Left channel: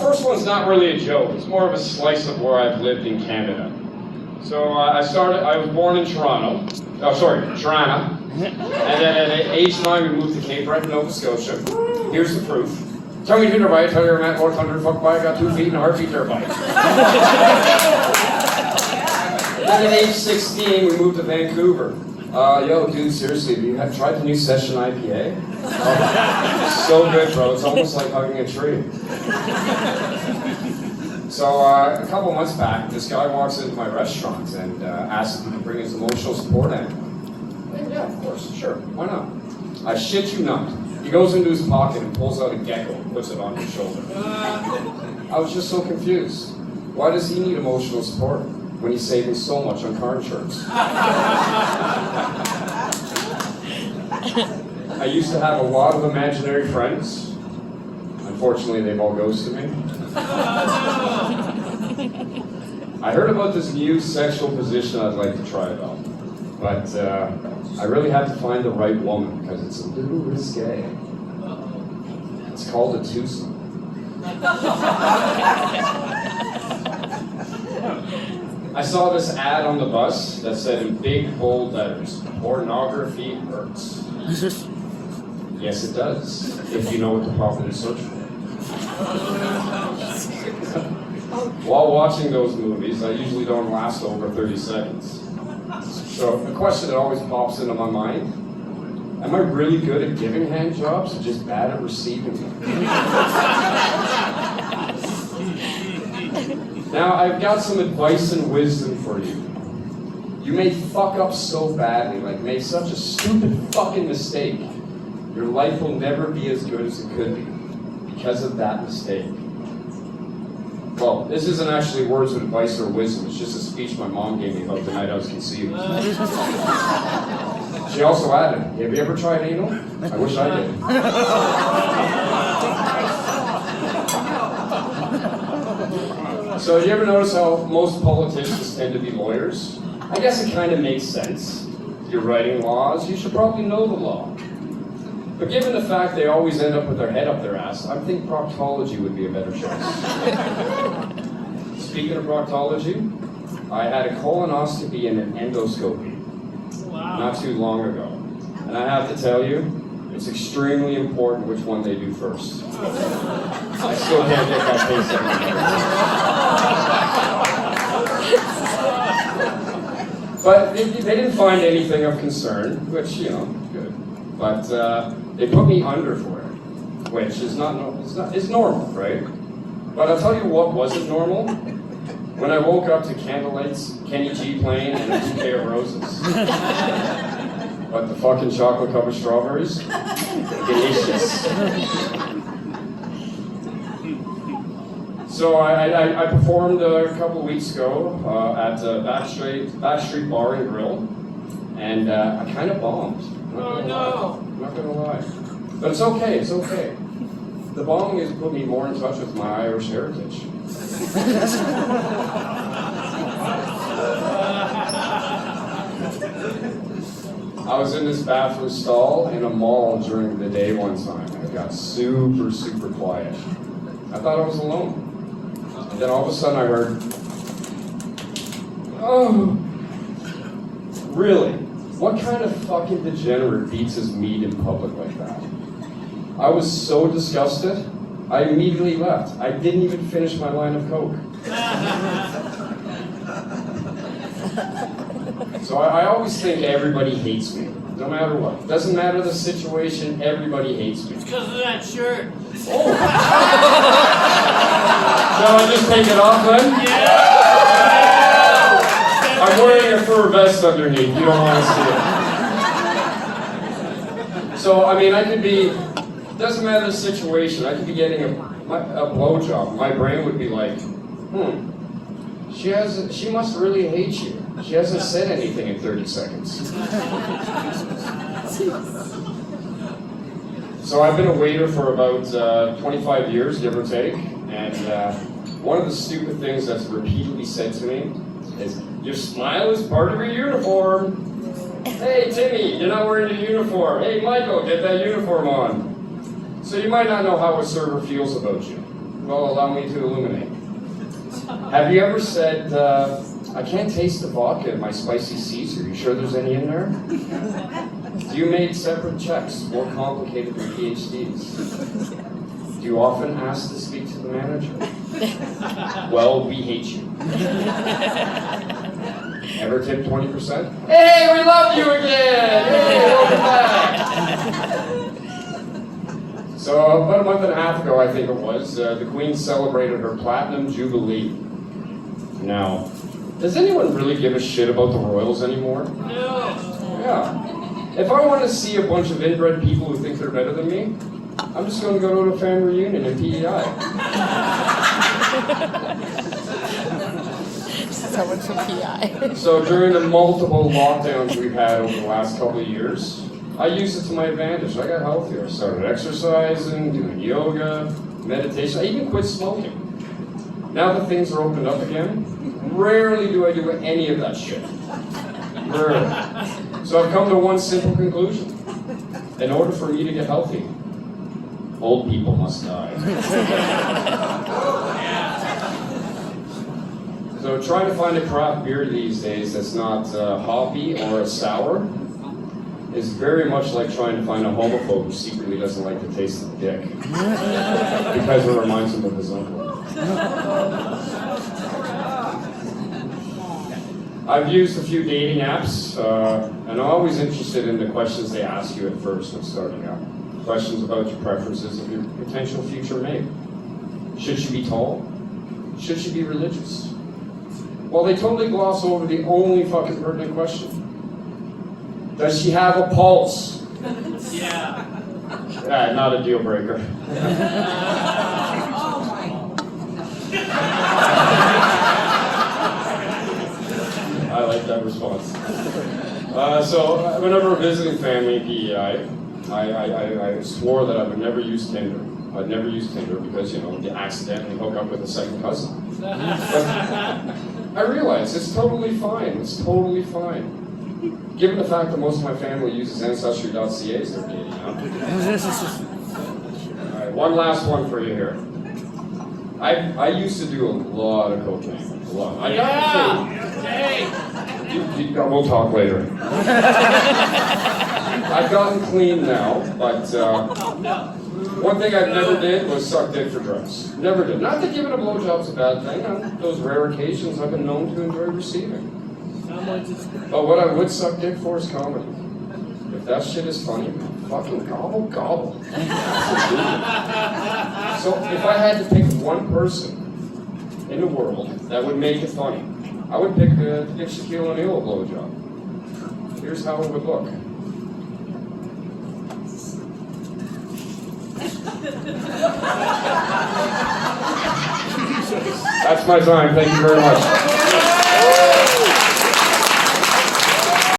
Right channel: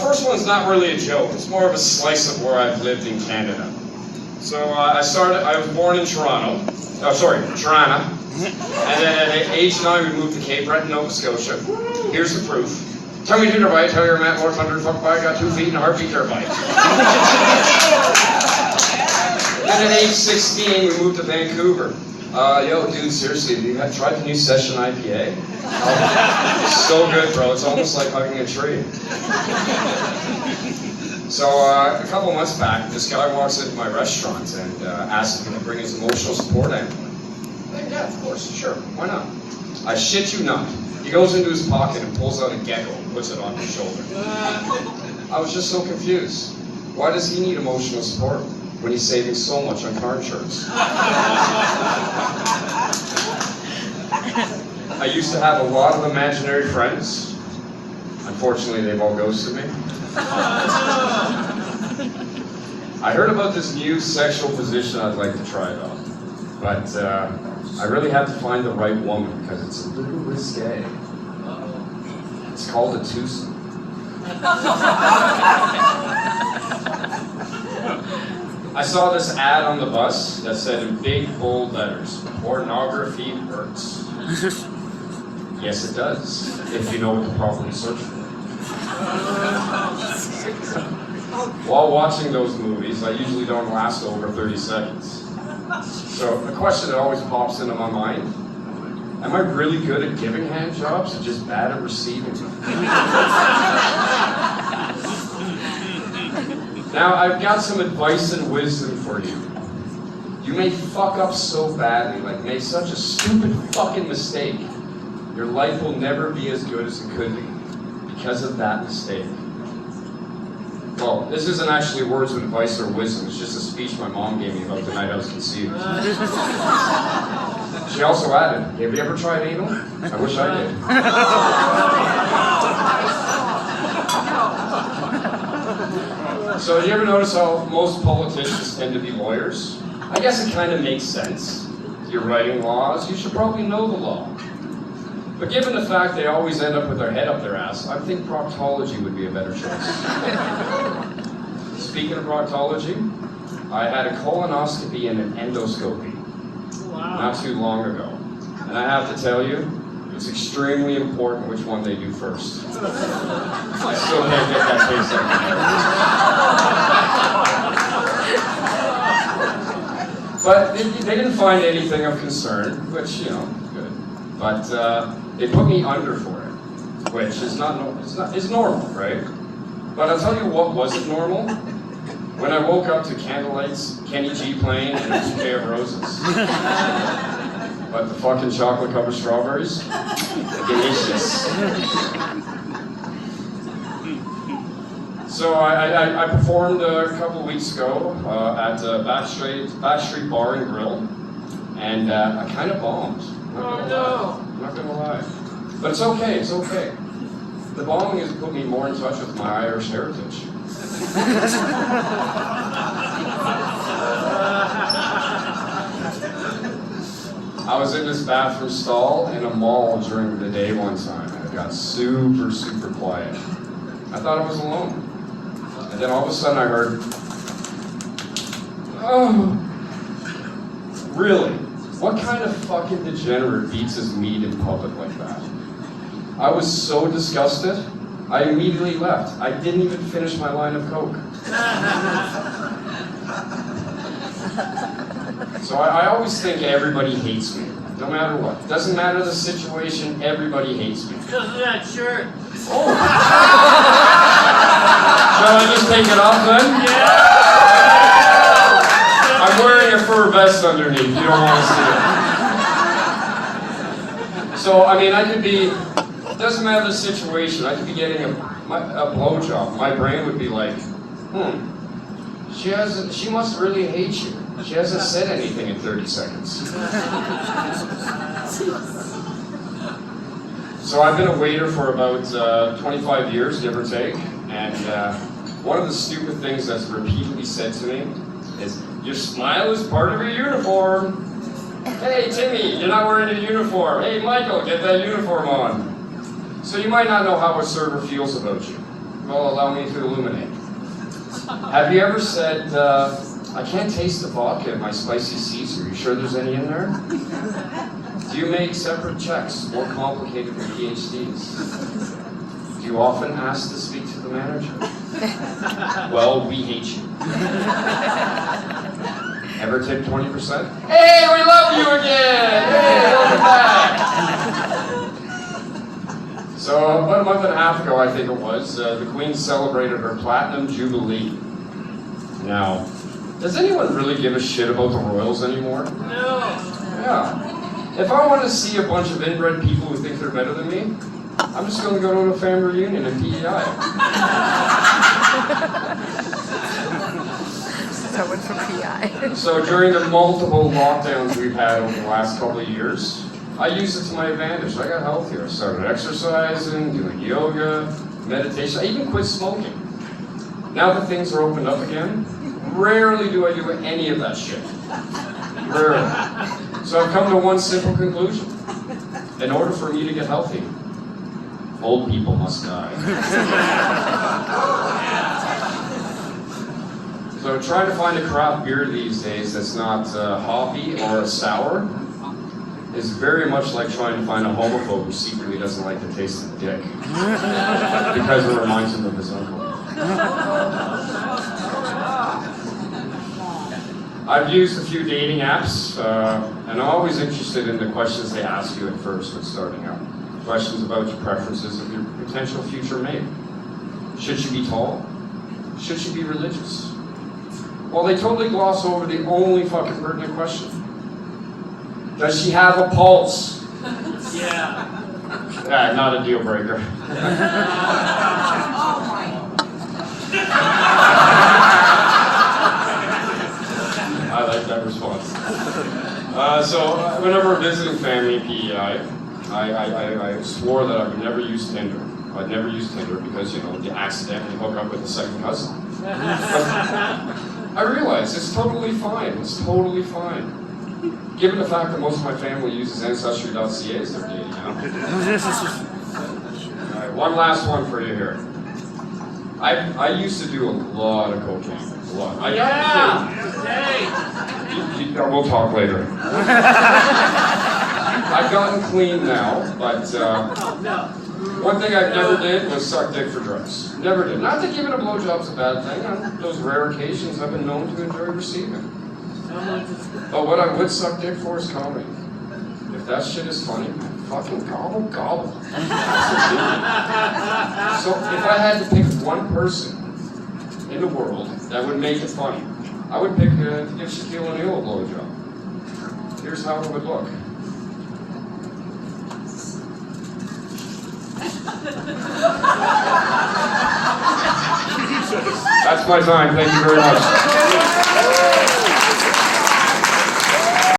First one's not really a joke. It's more of a slice of where I've lived in Canada. So I was born in Toronto. Toronto. And then at age 9, we moved to Cape Breton, Nova Scotia. Here's the proof. Tell me to the right, tell your Matt North 100 fuck by, got 2 feet and a heartbeat turbine. Then at age 16, we moved to Vancouver. Yo, dude, seriously, have you tried the new Session IPA? So good, bro. It's almost like hugging a tree. So a couple months back, this guy walks into my restaurant and asks me to bring his emotional support animal. Hey, yeah, of course, sure, why not? I shit you not. He goes into his pocket and pulls out a gecko and puts it on his shoulder. I was just so confused. Why does he need emotional support when he's saving so much on car insurance? I used to have a lot of imaginary friends. Unfortunately, they've all ghosted me. I heard about this new sexual position I'd like to try though. But I really have to find the right woman because it's a little risque. It's called a twosome. I saw this ad on the bus that said in big bold letters, "Pornography hurts." Yes, it does, if you know what to properly search for. While watching those movies, I usually don't last over 30 seconds. So the question that always pops into my mind, am I really good at giving hand jobs or just bad at receiving them? Now, I've got some advice and wisdom for you. You may fuck up so badly, like make such a stupid fucking mistake, your life will never be as good as it could be because of that mistake. Well, this isn't actually words of advice or wisdom, it's just a speech my mom gave me about the night I was conceived. She also added, have you ever tried anal? I wish I did. So, do you ever notice how most politicians tend to be lawyers? I guess it kind of makes sense. If you're writing laws, you should probably know the law. But given the fact they always end up with their head up their ass, I think proctology would be a better choice. Speaking of proctology, I had a colonoscopy and an endoscopy not too long ago. And I have to tell you, it's extremely important which one they do first. I still can't get that taste out. But they didn't find anything of concern, which, you know, good. But they put me under for it, which is it's normal, right? But I'll tell you what wasn't normal. When I woke up to candlelights, Kenny G playing, and a bouquet of roses. But the fucking chocolate covered strawberries, delicious. So I performed a couple of weeks ago at Backstreet Bar and Grill, and I kind of bombed. Not gonna lie. But it's okay, it's okay. The bombing has put me more in touch with my Irish heritage. I was in this bathroom stall in a mall during the day one time, and it got super, super quiet. I thought I was alone. And then all of a sudden I heard, oh, really? What kind of fucking degenerate eats his meat in public like that? I was so disgusted, I immediately left. I didn't even finish my line of Coke. So I always think everybody hates me, no matter what. Doesn't matter the situation, everybody hates me. It's because of that shirt. Oh! Shall I just take it off then? Yeah! I'm wearing a fur vest underneath, you don't want to see it. So, I mean, I could be, it doesn't matter the situation, I could be getting a blowjob. My brain would be like, she must really hate you. She hasn't said anything in 30 seconds. So I've been a waiter for about 25 years, give or take, and one of the stupid things that's repeatedly said to me is, your smile is part of your uniform. Hey, Timmy, you're not wearing a uniform. Hey, Michael, get that uniform on. So you might not know how a server feels about you. Well, allow me to illuminate. Have you ever said, I can't taste the vodka in my spicy Caesar. You sure there's any in there? Do you make separate checks, more complicated than PhDs? Do you often ask to speak to the manager? Well, we hate you. Ever tip 20%? Hey, we love you again! Hey, welcome back! So about a month and a half ago, I think it was, the Queen celebrated her Platinum Jubilee. Now, does anyone really give a shit about the royals anymore? No. Yeah. If I want to see a bunch of inbred people who think they're better than me, I'm just going to go to a family reunion at PEI. That one for PI. So during the multiple lockdowns we've had over the last couple of years, I used it to my advantage. I got healthier. I started exercising, doing yoga, meditation. I even quit smoking. Now that things are opened up again, rarely do I do any of that shit. Rarely. So I've come to one simple conclusion. In order for me to get healthy, old people must die. So trying to find a craft beer these days that's not hoppy or a sour is very much like trying to find a homophobe who secretly doesn't like the taste of dick. Because it reminds him of his uncle. I've used a few dating apps, and I'm always interested in the questions they ask you at first when starting out. Questions about your preferences of your potential future mate. Should she be tall? Should she be religious? Well, they totally gloss over the only fucking pertinent question. Does she have a pulse? Yeah. Not a deal breaker. I like that response. So whenever visiting family in PEI, I swore that I would never use Tinder. I'd never use Tinder because, you know, you accidentally hook up with a second cousin. I realize it's totally fine. It's totally fine. Given the fact that most of my family uses Ancestry.ca as their dating app. All right, one last one for you here. I used to do a lot of cocaine. A lot. Hey. We'll talk later. I've gotten clean now, but one thing I never did was suck dick for drugs. Never did. Not that giving a blowjob's a bad thing. On those rare occasions I've been known to enjoy receiving. But what I would suck dick for is comedy. If that shit is funny, man, fucking gobble, gobble. So if I had to pick one person in the world that would make it funny, I would pick to give Shaquille O'Neal a blowjob. Here's how it would look. That's my time. Thank you very much.